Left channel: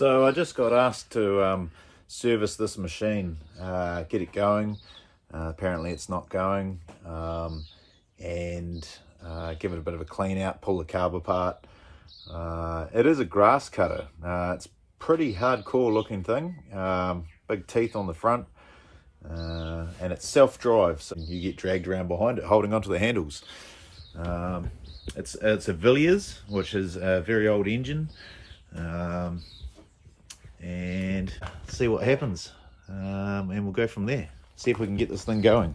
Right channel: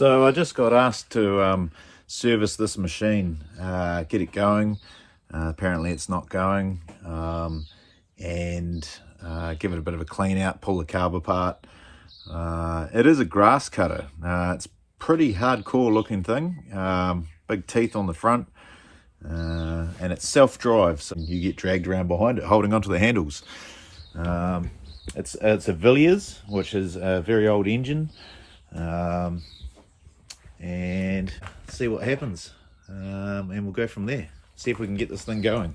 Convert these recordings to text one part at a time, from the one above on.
So I just got asked to service this machine, get it going. Apparently it's not going, and give it a bit of a clean out, pull the carb apart. It is a grass cutter. It's pretty hardcore looking thing, big teeth on the front, and it's self-drive, so you get dragged around behind it holding onto the handles. It's a Villiers, which is a very old engine. And see what happens, and we'll go from there, see if we can get this thing going.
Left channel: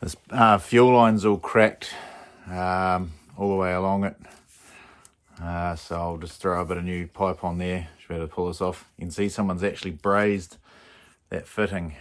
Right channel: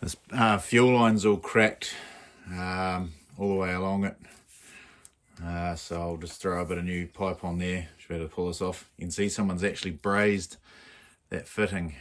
This fuel line's all cracked all the way along it, so I'll just throw a bit of new pipe on there. Should be able to pull this off. You can see someone's actually brazed that fitting.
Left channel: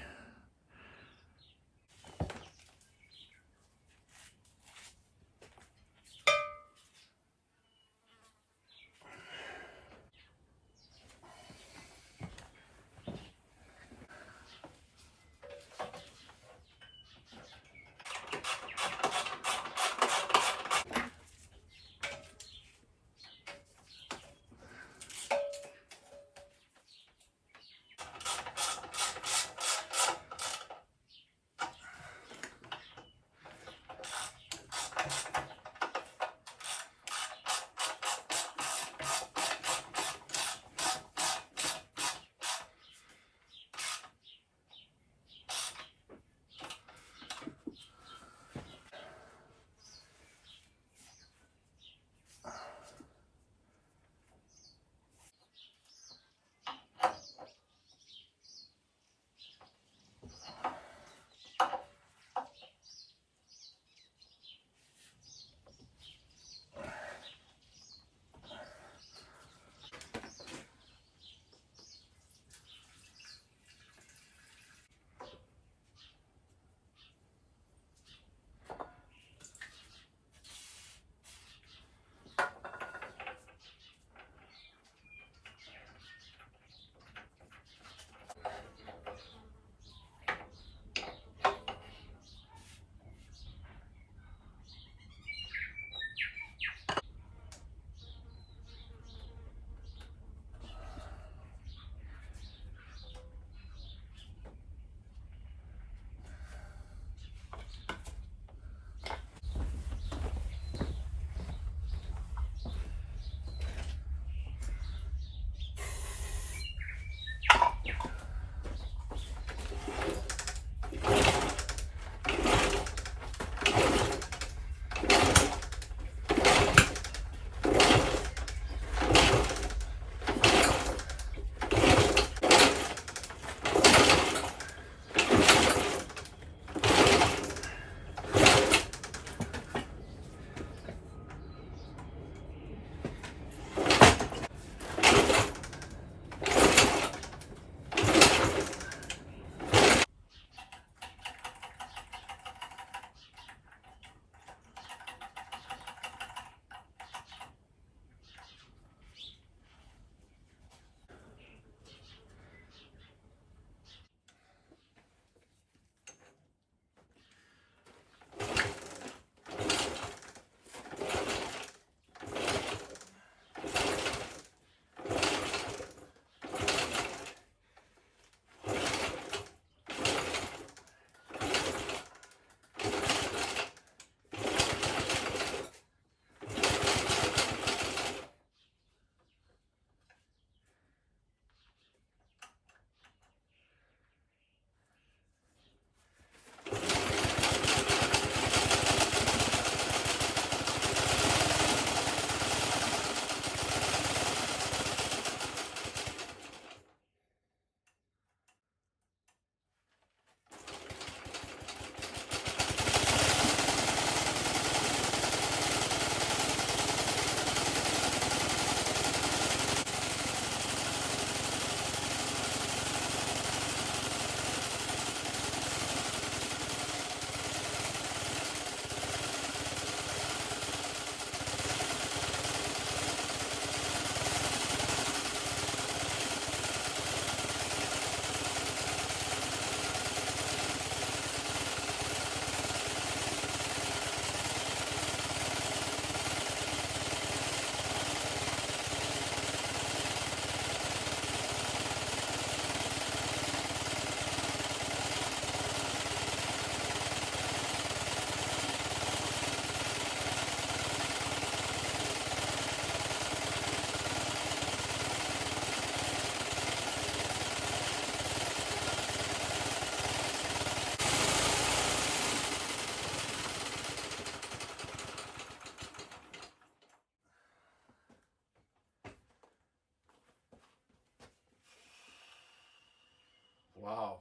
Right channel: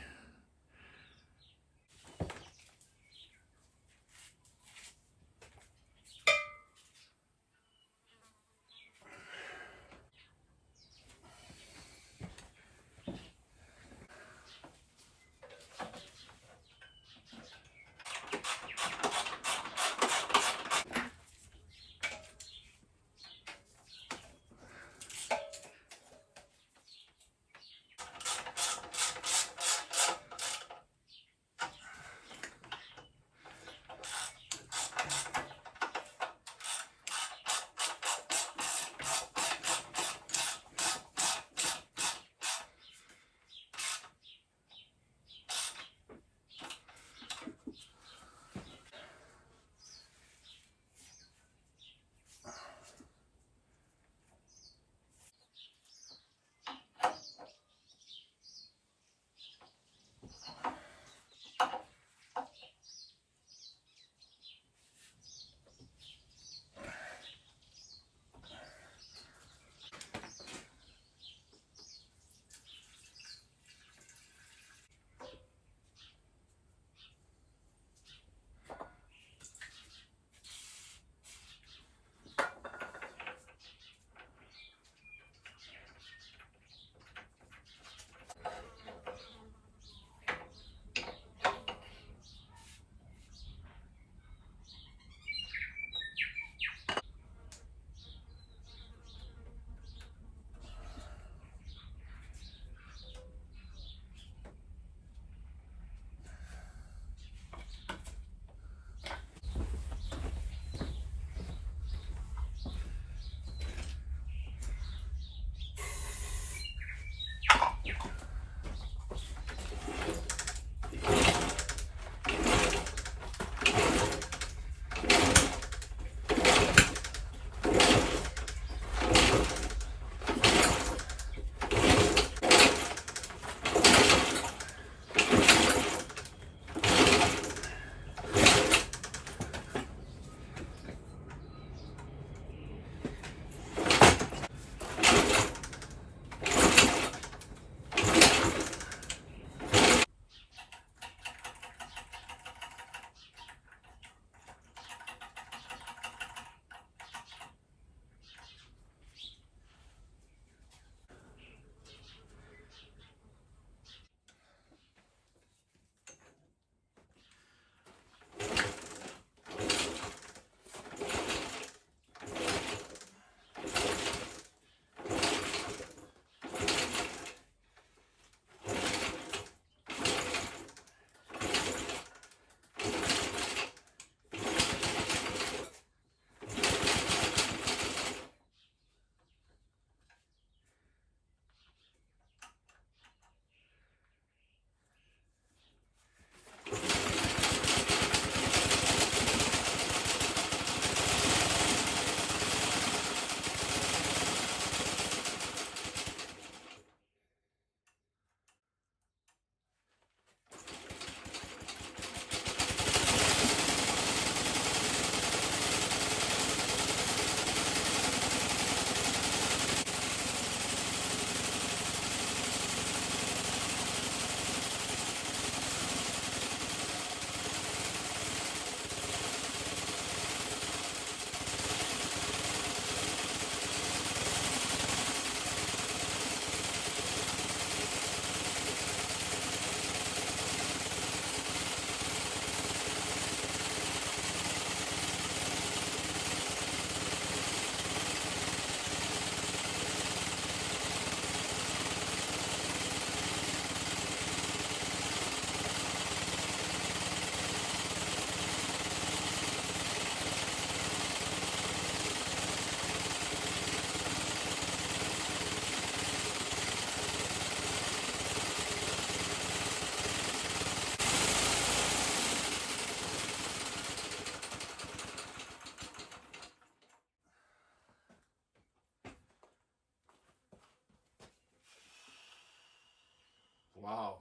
Wow,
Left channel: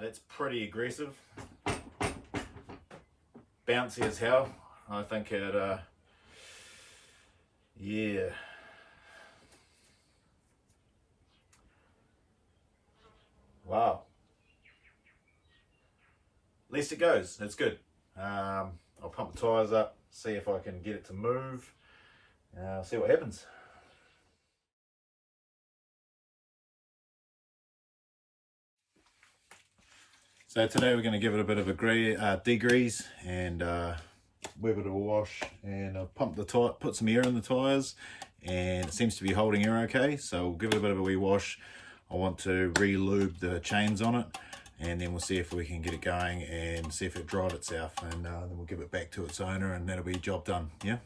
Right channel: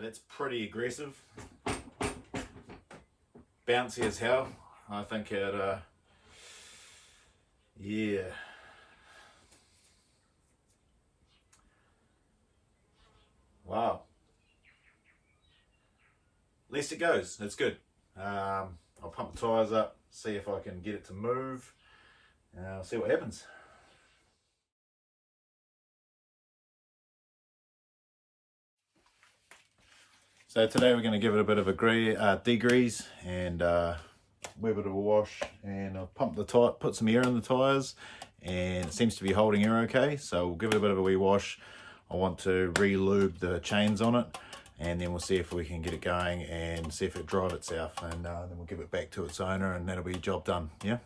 that's pretty aggressive. Bouncy as hell. I think it, yeah. Wow. At least it goes. It's good. I'll pump the tyres up, see if I can get it to move. I'll see what happens. So today we're going to give it a bit of a degrease and give it a wash, and I'll pump the tire, put some air in the tyres, and it seems to be holding air okay. So we'll give it a bit of a wee wash. I want to re-lube the chains on it, and then we'll see if we can get it going and see if it drive itself, and then we'll give it back to its owner, and that'll be job done. Yeah.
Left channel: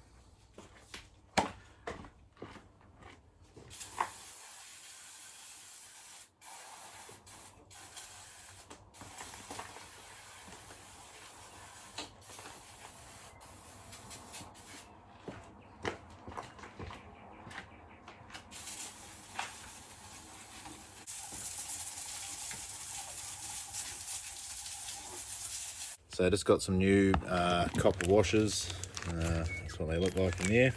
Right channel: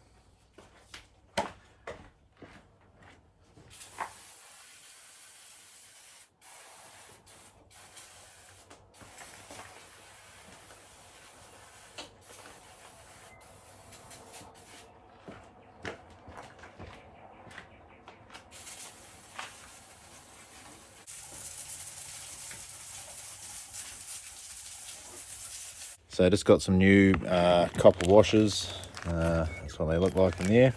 So I just got some new copper washers. That's what they look like in there,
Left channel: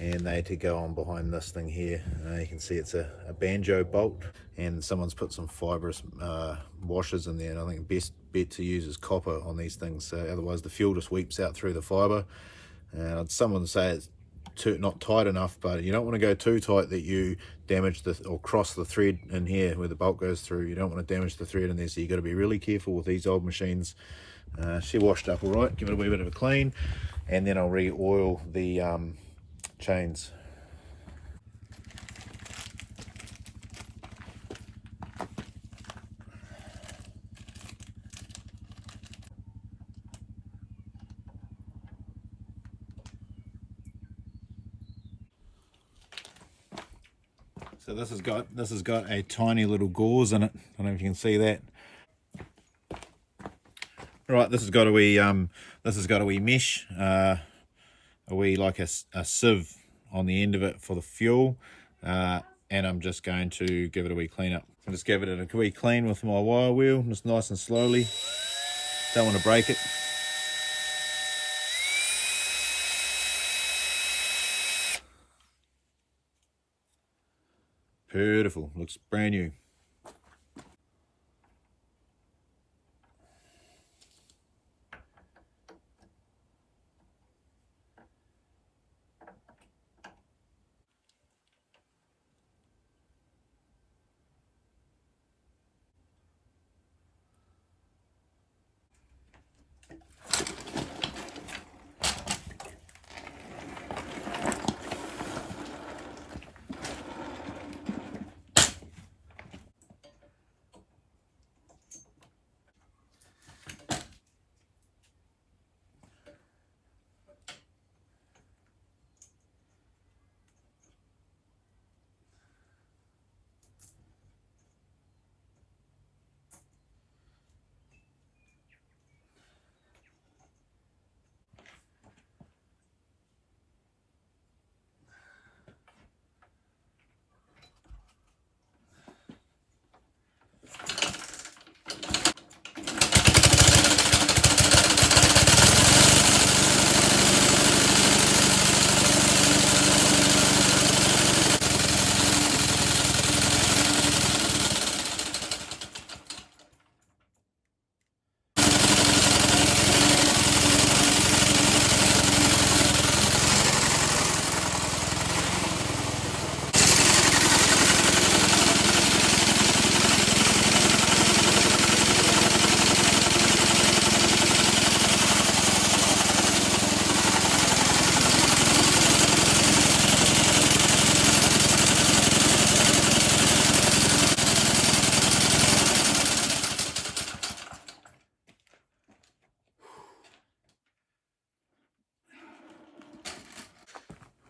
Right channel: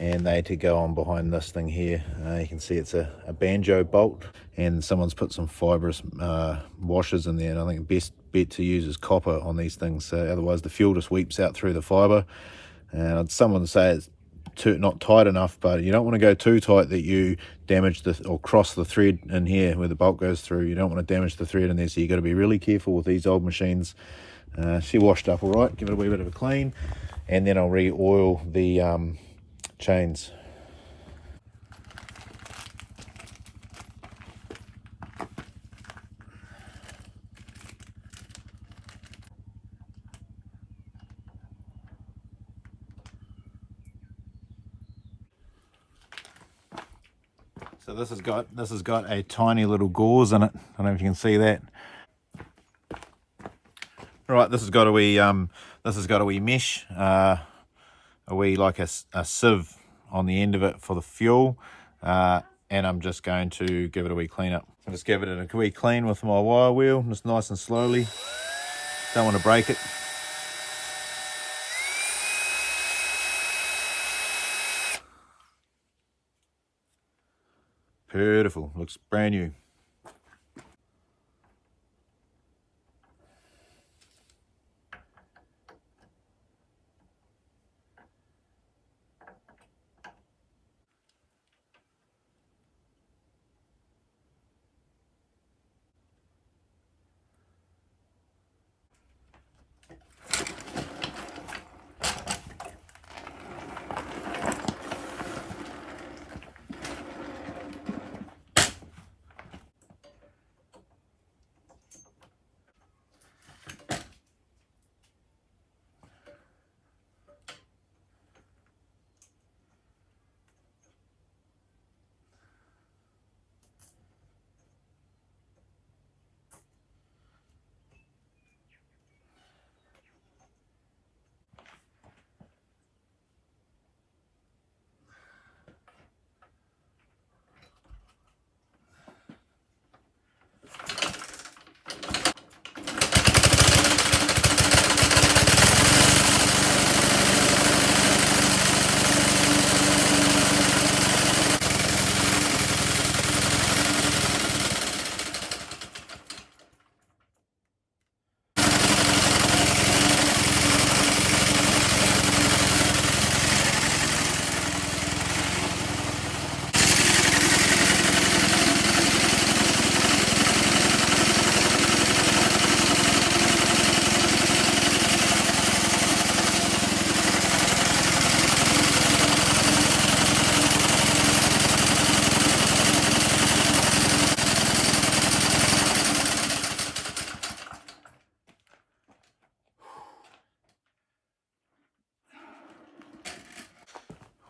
and they to go on behind this thing here. You can see it's a banjo bolt, and someone's put some fibrous washers in there, and I think the best bet to use is copper on these things, so otherwise the fuel just weeps out through the fibre. And someone say it's not tight enough, but you don't want to go too tight that you damage or cross the thread in here where the bolt goes through. You don't want to damage the thread in there, so you got to be really careful with these old machines. She washed up all right, give it a wee bit of a clean, and then I'll re-oil the chains. So this has got a tiny little gauze in it. I don't know if you can see that. Right, this has got a wee mesh, a wee like a sieve on the end of it for the fuel, and I'm just going to give it a wee clean up. So just give it a wee clean with my wire wheel, just nice and slowly. Don't want to break it. Beautiful, looks brand new.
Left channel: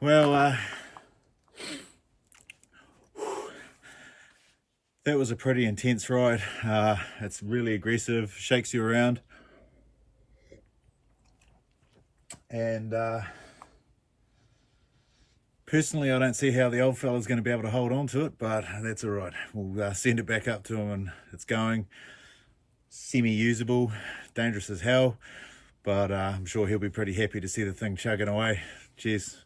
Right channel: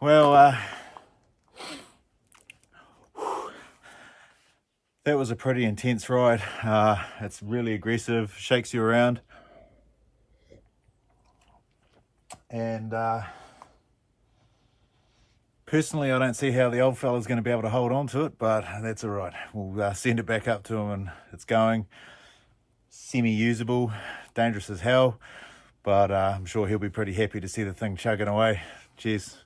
Well, that was a pretty intense ride. It's really aggressive, shakes you around. And personally, I don't see how the old fella's going to be able to hold on to it, but that's all right. We'll send it back up to him and it's going. Semi-usable, dangerous as hell, but I'm sure he'll be pretty happy to see the thing chugging away. Cheers.